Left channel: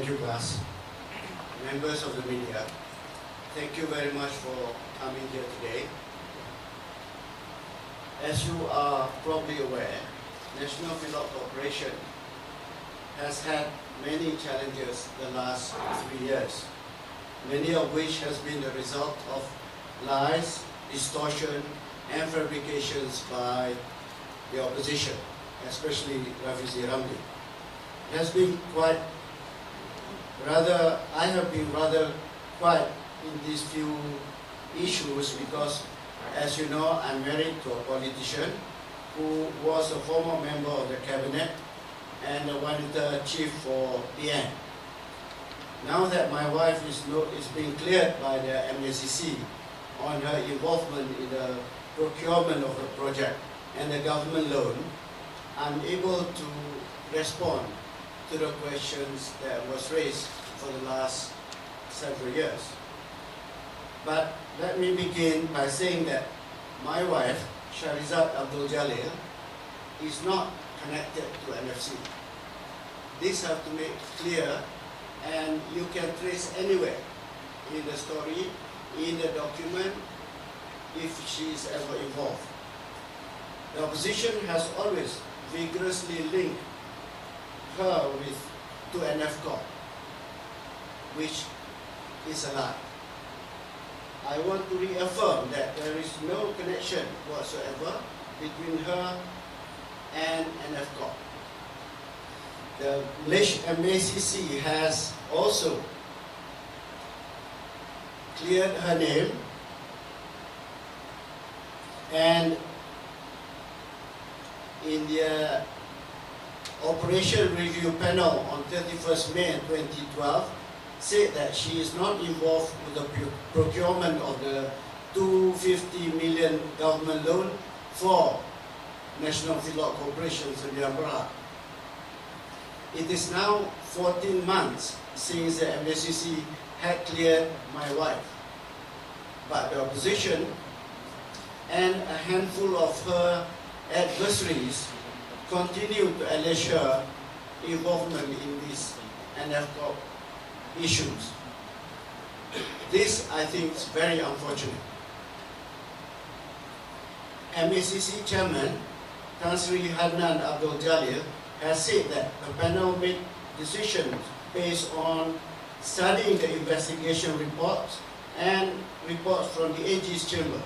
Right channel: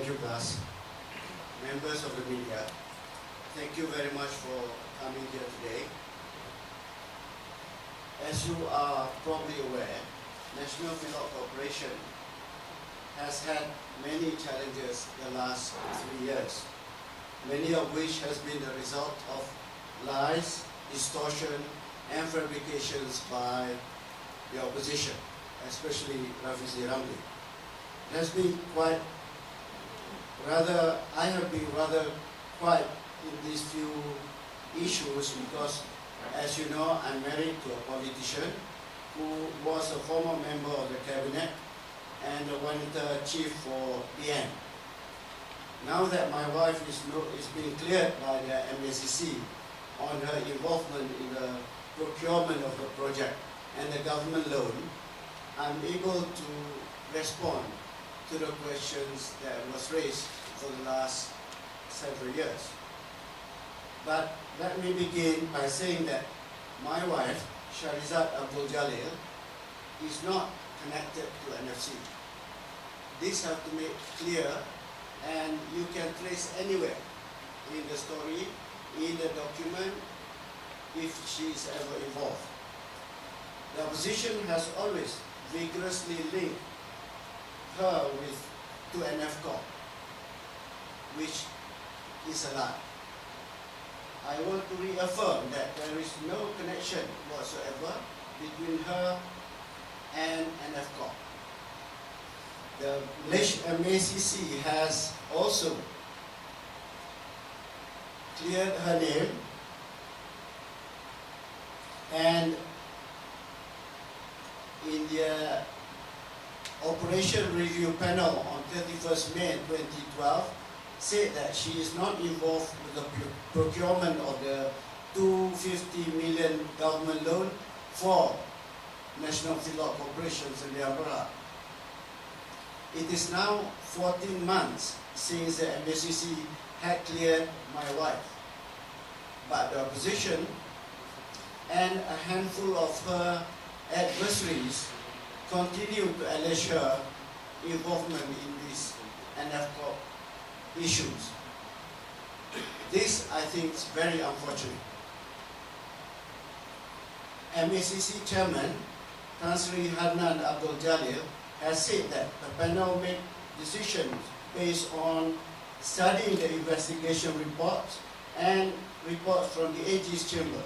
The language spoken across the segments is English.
Thank you, Gus. Members of the media, thank you very much for coming here today. As you are probably aware, National Feedlot Corporation has had many challenges the last 3 years, many of which has been the result of lies, distortion, and fabrications by the opposition, especially Rafizi Ramli. It has been I have been rather quiet in these few issues because, as you know, I'm married to a politician who was a former member of the cabinet and a wanita chief for PN. Now that my wife is being cleared by the MACC on her involvement in the procurement of the project and the government loan, I'm able to respond to the questions that was raised for the last several years. But let me begin by saying that my wife, Shahrizad Abdul Jalil, is not connected to NFC. This have to make clear, and you can trace anywhere in the story, in the document, if she is ever involved. The opposition has always vigorously linked her to Nfcorp, which is a lie. I want to reaffirm that there is no connection whatsoever between her and Nfcorp. The Malaysian MACC has also cleared her name, and in the Operation Review Panel on 31st May 2012 said that she is not involved with the procurement of the 250 million government loan for National Feedlot Corporation Sdn Bhd. It is now 14 months since the MACC had cleared my wife, but the opposition and a handful of her adversaries continue to allege her involvement in these Nfcorp issues. This, I think, is very unfortunate. MACC Chairman Tan Sri Hadnan Abdul Jalil has said that the panel made decisions based on studying the investigation reports and reports from the AG's chamber.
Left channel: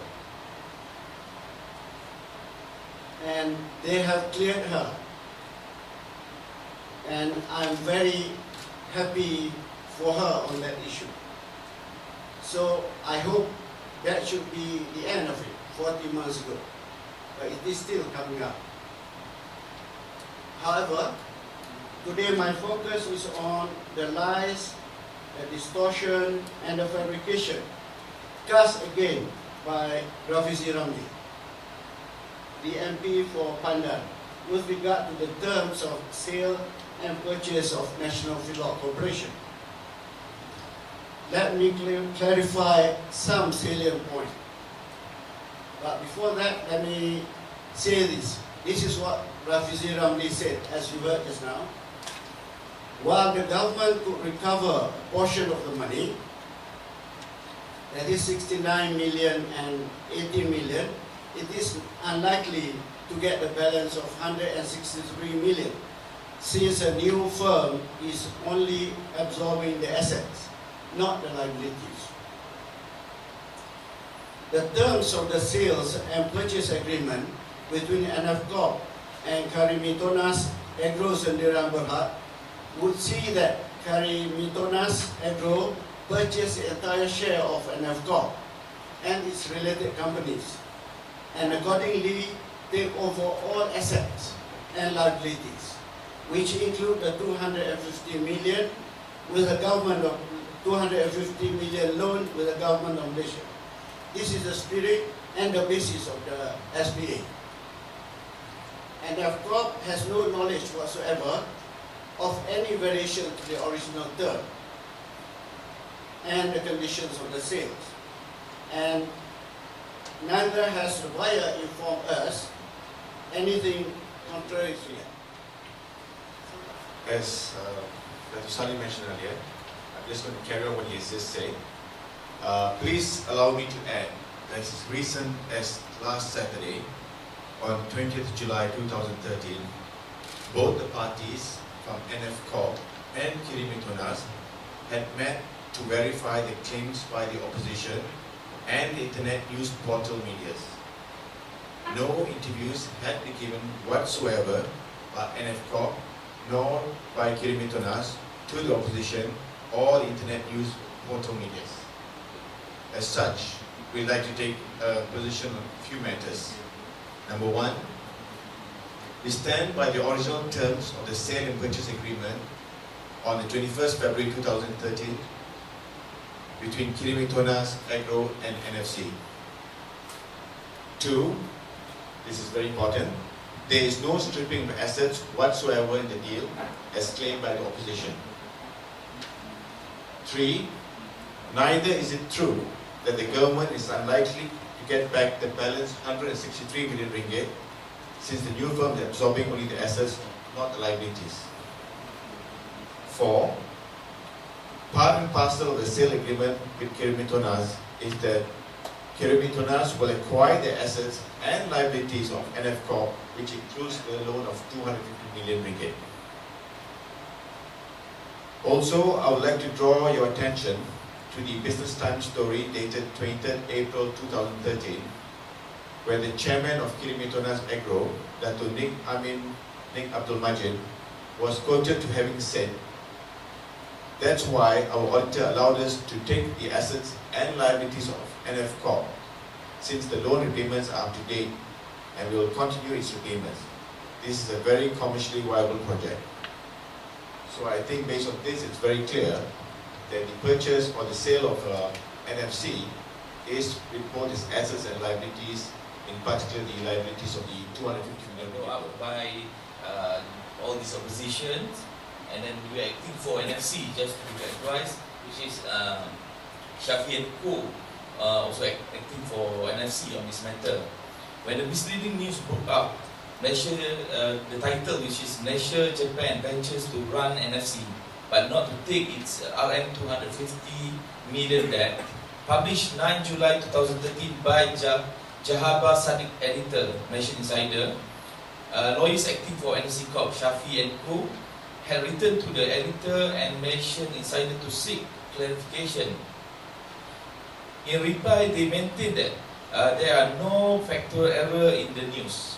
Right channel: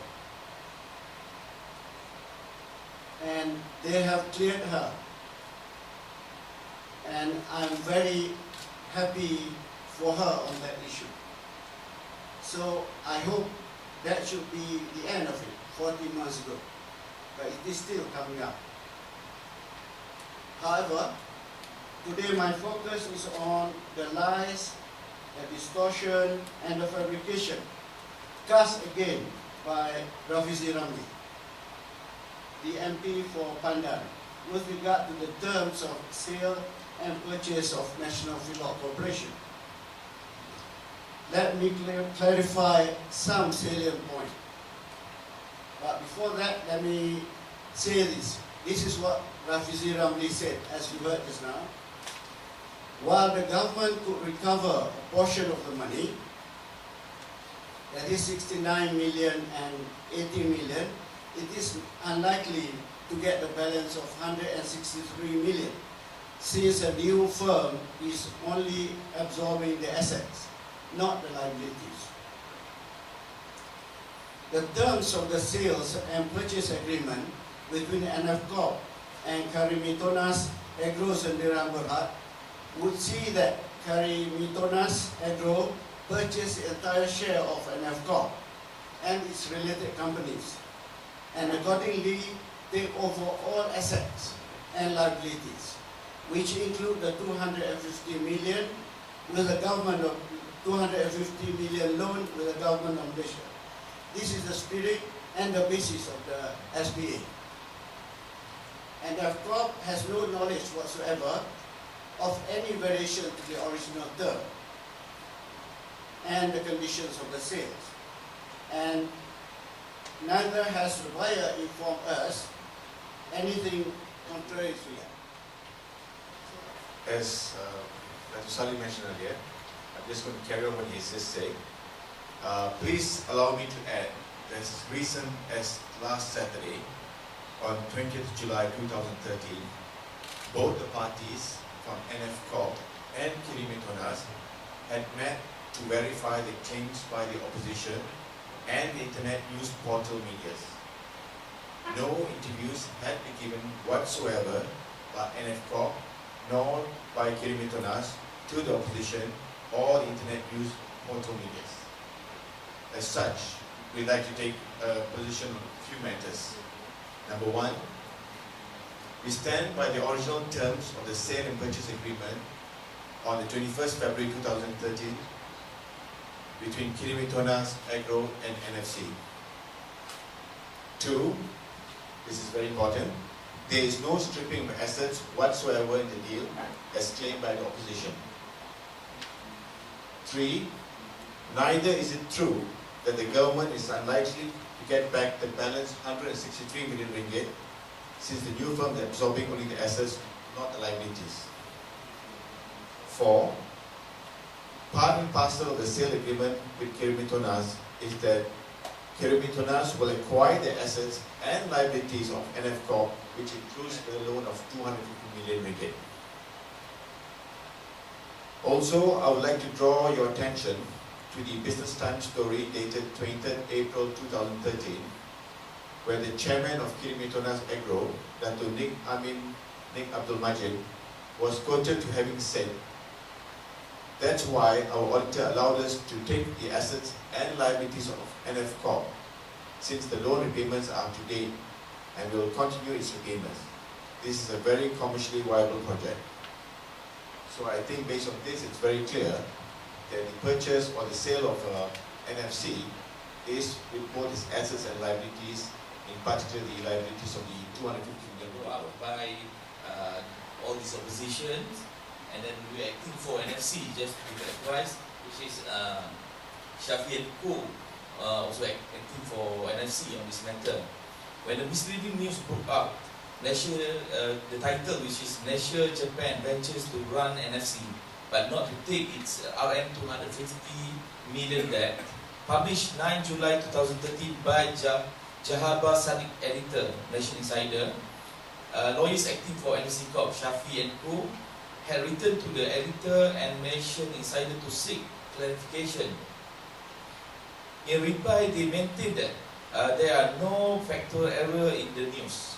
And they have cleared her. And I'm very happy for her on that issue. So I hope that should be the end of it, 40 months ago. But it is still coming up. However, today my focus is on the lies, the distortion, and the fabrication, cast again by Rafizi Ramli, the MP for Pandan, with regard to the terms of sale and purchase of National Feedlot Corporation. Let me clarify some salient points. But before that, let me say this. This is what Rafizi Ramli said, as you heard just now. While the government could recover a portion of the money, that is 69 million and 80 million, it is unlikely to get the balance of 163 million, since a new firm is only absorbing the assets, not the liabilities. The terms of the sales and purchase agreement between Nfcorp and Kirimitonas Agro Sdn Bhd would see that Kirimitonas Agro purchase the entire share of Nfcorp and its related companies, and accordingly take over all assets and liabilities, which include the 250 million with the government of 250 million loan with the government of Malaysia. This is the spirit and the basis of the SPA. And Nfcorp has no knowledge whatsoever of any variation to the original term and the conditions of the sales. And neither has the buyer informed us anything contrary to it. As Dr. Salleh mentioned earlier. I'm just going to carry on what he has just said. Please allow me to add that as recent as last Saturday, on 20th July 2013, both the parties from Nfcorp and Kirimitonas had met to verify the claims by the opposition and internet news portal medias. No interviews had been given whatsoever by Nfcorp nor by Kirimitonas to the opposition or the internet news portal medias. As such, we'd like to take a position on a few matters. Number one, we stand by the original terms of the sale and purchase agreement on the 21st February 2013 between Kirimitonas, Agro and NFC. Two, this is very important, there is no stripping of assets whatsoever in the deal as claimed by the opposition. Three, neither is it true that the government is unlikely to get back the balance 163 million ringgit since the new firm is absorbing only the assets, not the liabilities. Four, part and parcel of the sale agreement with Kirimitonas is that Kirimitonas will acquire the assets and liabilities of Nfcorp, which includes the loan of 250 million ringgit. Also, I would like to draw your attention to the Business Times story dated 23rd April 2013, where the chairman of Kirimitonas Agro, Datuk Nik Abdul Majid, was quoted to having said, "That's why our auditor allowed us to take the assets and liabilities of Nfcorp, since the loan repayments are up to date and will continue its repayments. This is a very commercially viable project." So I think based on this, it's very clear that the purchase or the sale of NFC is with both its assets and liabilities, in particular the liabilities of the 250 million go out by all these oppositions, and then we are acting for NFC, just to be characterized, which is Shafi and Co. Also acting for NFC on this matter. When the misleading news broke out, Malaysia, the title which is Malaysia Japan ventures to run NFC but not to take its RM 250 million debt, published 9 July 2013 by Jahaba Sadiq editor, Malaysian Insider. Lawyers acting for Nfcorp, Shafi and Co. had written to the editor and Malaysian Insider to seek clarification. In reply, they maintained that there are no factual error in the news.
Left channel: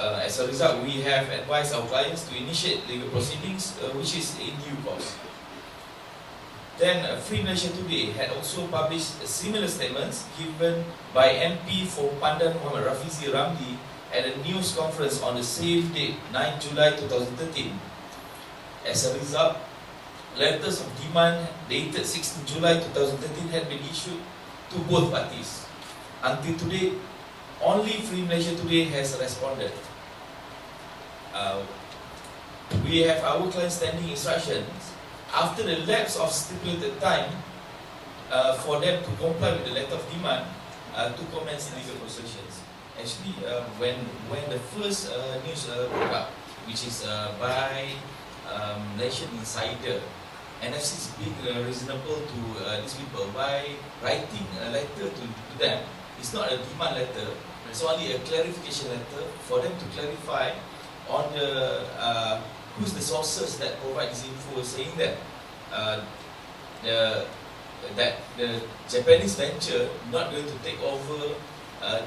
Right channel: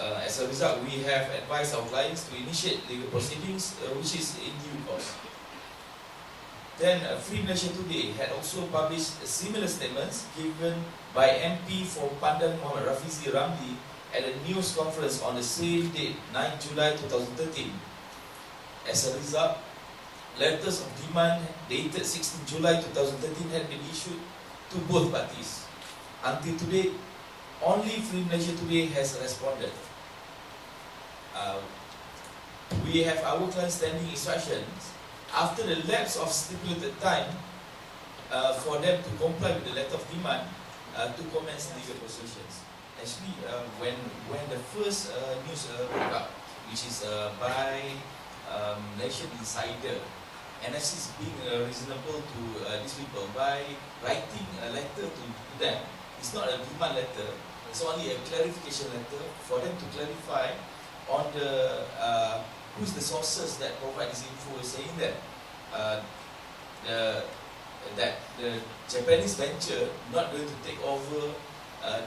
As a result, we have advised our clients to initiate legal proceedings, which is in due course. Then, Free Malaysia Today had also published similar statements given by MP for Pandan Mohamad Rafizi Ramli at a news conference on the same date, 9 July 2013. As a result, letters of demand dated 16 July 2013 had been issued to both parties. Until today, only Free Malaysia Today has responded. We have our client standing instructions after the lapse of stipulated time for them to comply with the letter of demand to commence legal proceedings. Actually, when the first news broke out, which is by Malaysian Insider, NFC is being reasonable to these people by writing a letter to them. It's not a demand letter, it's only a clarification letter for them to clarify on the who's the sources that provide this info, saying that the Japanese venture not going to take over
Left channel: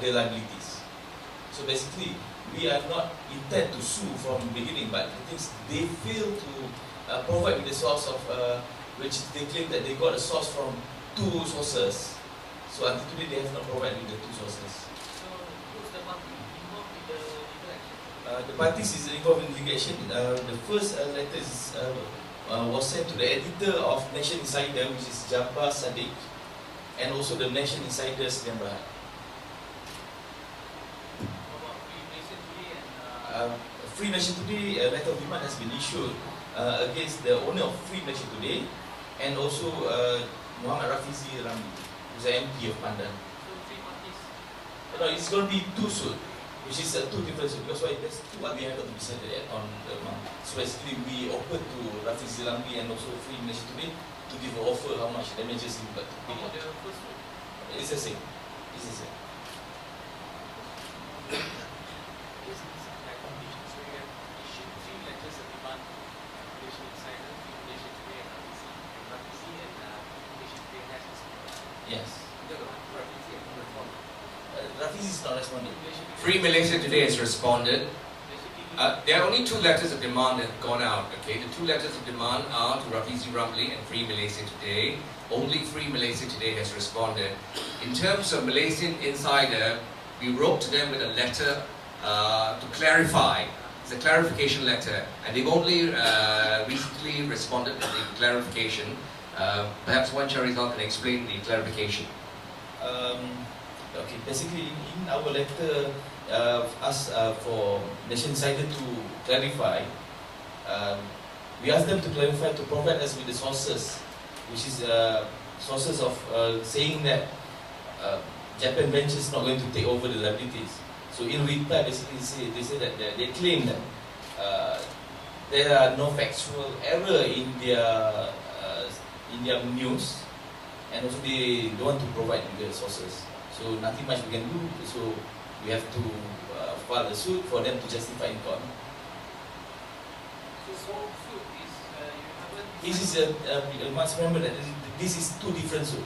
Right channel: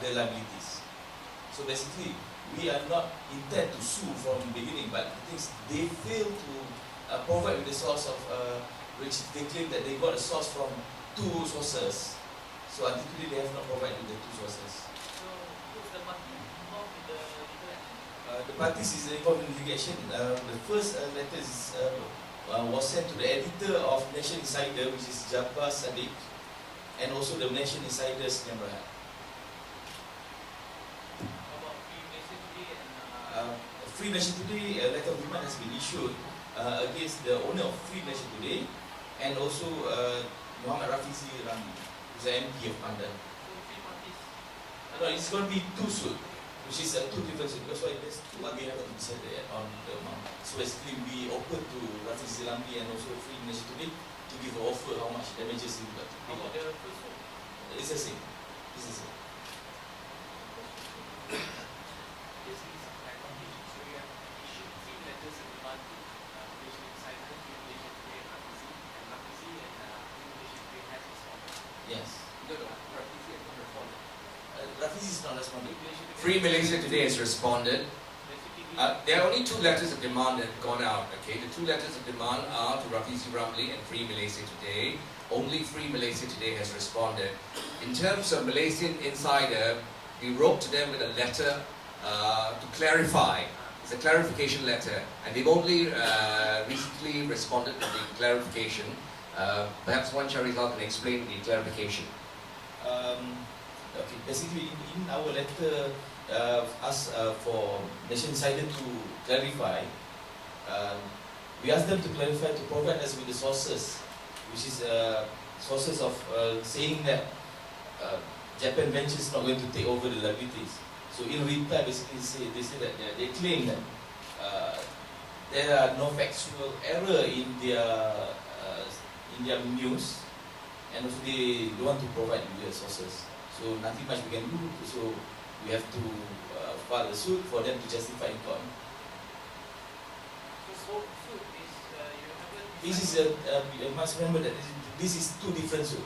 the liabilities. So basically, we are not intent to sue from the beginning, but the things they fail to provide with the source of which they claim that they got a source from two sources. So until today, they have not provided with the two sources. So who's the party involved in the legal action? The parties is involved in litigation. The first letter was sent to the editor of Malaysian Insider, which is Jabbar Sadiq, and also the Malaysian Insider Sdn Bhd. How about Free Malaysia Today and Free Malaysia Today, a letter of demand has been issued against the owner of Free Malaysia Today, and also Mohamad Rafizi Ramli, who's the MP of Pandan. so three parties? No, it's going to be two suits. which is two different suits. Because why? That's what we have to decide on the amount. So basically, we offer to Rafizi Ramli and also Free Malaysia today to give an offer how much damages we got to How pay. about the first one? It's the same. It's the same. This is some clarification. So you have issued 3 letters of demand to Malaysia Insider, Free Malaysia Today, and Rafizi and Free Malaysia Today has responded. Yes. No, Rafizi has not responded. Rafizi is not responding. Free Malaysia Today has responded. Basically, There are only 2 letters of demand that have gone out. Okay, the 2 letters of demand are to Rafizi Ramli and Free Malaysia Today. Only Free Malaysia Today has responded. In terms of Malaysian Insider, we wrote to them with a letter to clarify. It's a clarification letter, and they've only recently responded to the clarification. Perhaps Wan Charizal can explain the clarification. Okay, basically in our letter, for Nation Insider to clarify, we asked them to clarify, to provide us with the sources, which is sources of saying that Japan Venture is not going to take over the liabilities. So in reply, basically they say that they claim that there are no factual error in their news, and also they don't want to provide the sources. So nothing much we can do. So we have to file a suit for them to justify in court. so suit is you haven't. This is you must remember that this is 2 different suits.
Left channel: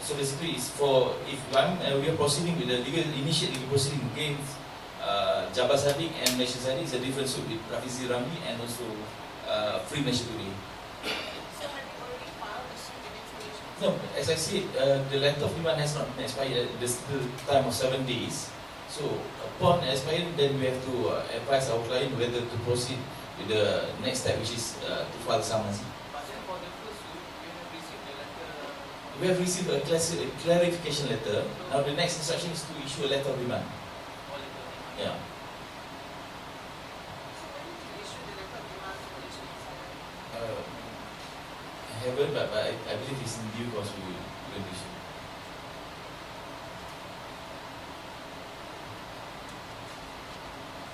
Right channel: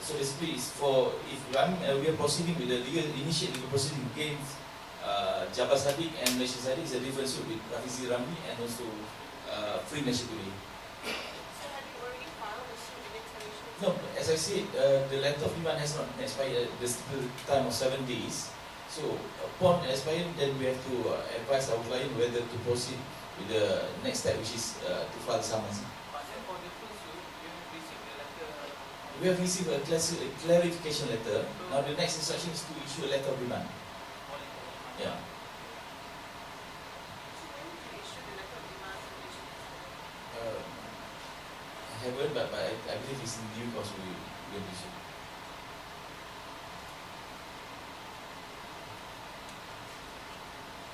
So basically, it's for if we are proceeding with the initiate legal proceeding against Jabbar Sadiq and Malaysia Sadiq, is a different suit with Rafizi Ramli and also Free Malaysia Today. So have you already filed a suit against Malaysia? No, as I said, the letter of demand has not expired. There's still time of 7 days. So upon expiry, then we have to advise our client whether to proceed with the next step, which is to file summons. But then for the first suit, you have received the letter. We have received a clarification letter. Now the next instruction is to issue a letter of demand. Or letter of demand. Yeah. So when did you issue the letter of demand to Malaysia Insider? I haven't, but I believe it's in due course we will issue.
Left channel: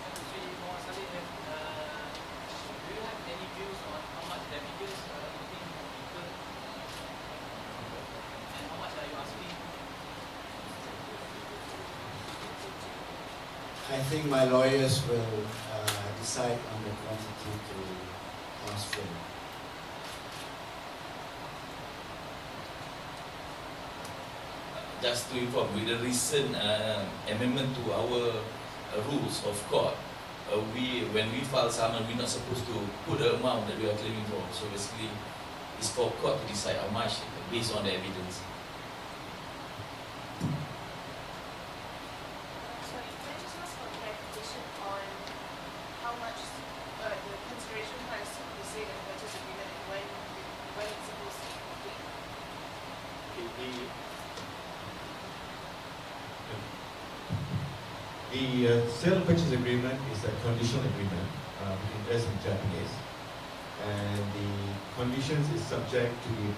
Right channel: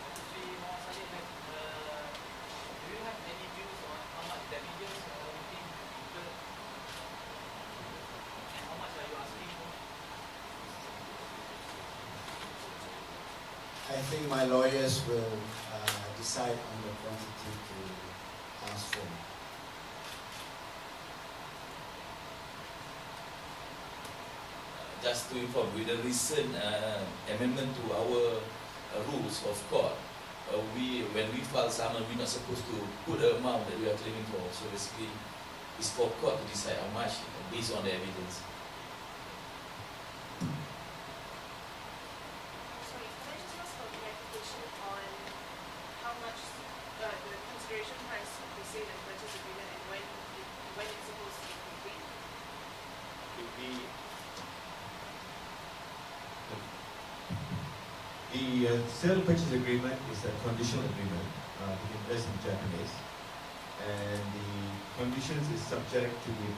Datuk Seri Mohamad Salleh, do you have any views on how much damages you think have incurred? And how much are you asking? I think my lawyers will decide on the quantity to ask for. Just to inform, with the recent amendment to our rules of court, when we file summons, we're not supposed to put the amount that we are claiming for. So basically, it's for court to decide how much based on the evidence. Sorry, can I just ask for clarification on how much the consideration price of the sale and purchase agreement and when it's supposed to be complete? The sale purchase agreement is a conditional agreement between us and Japanese, and the conditions is subject to the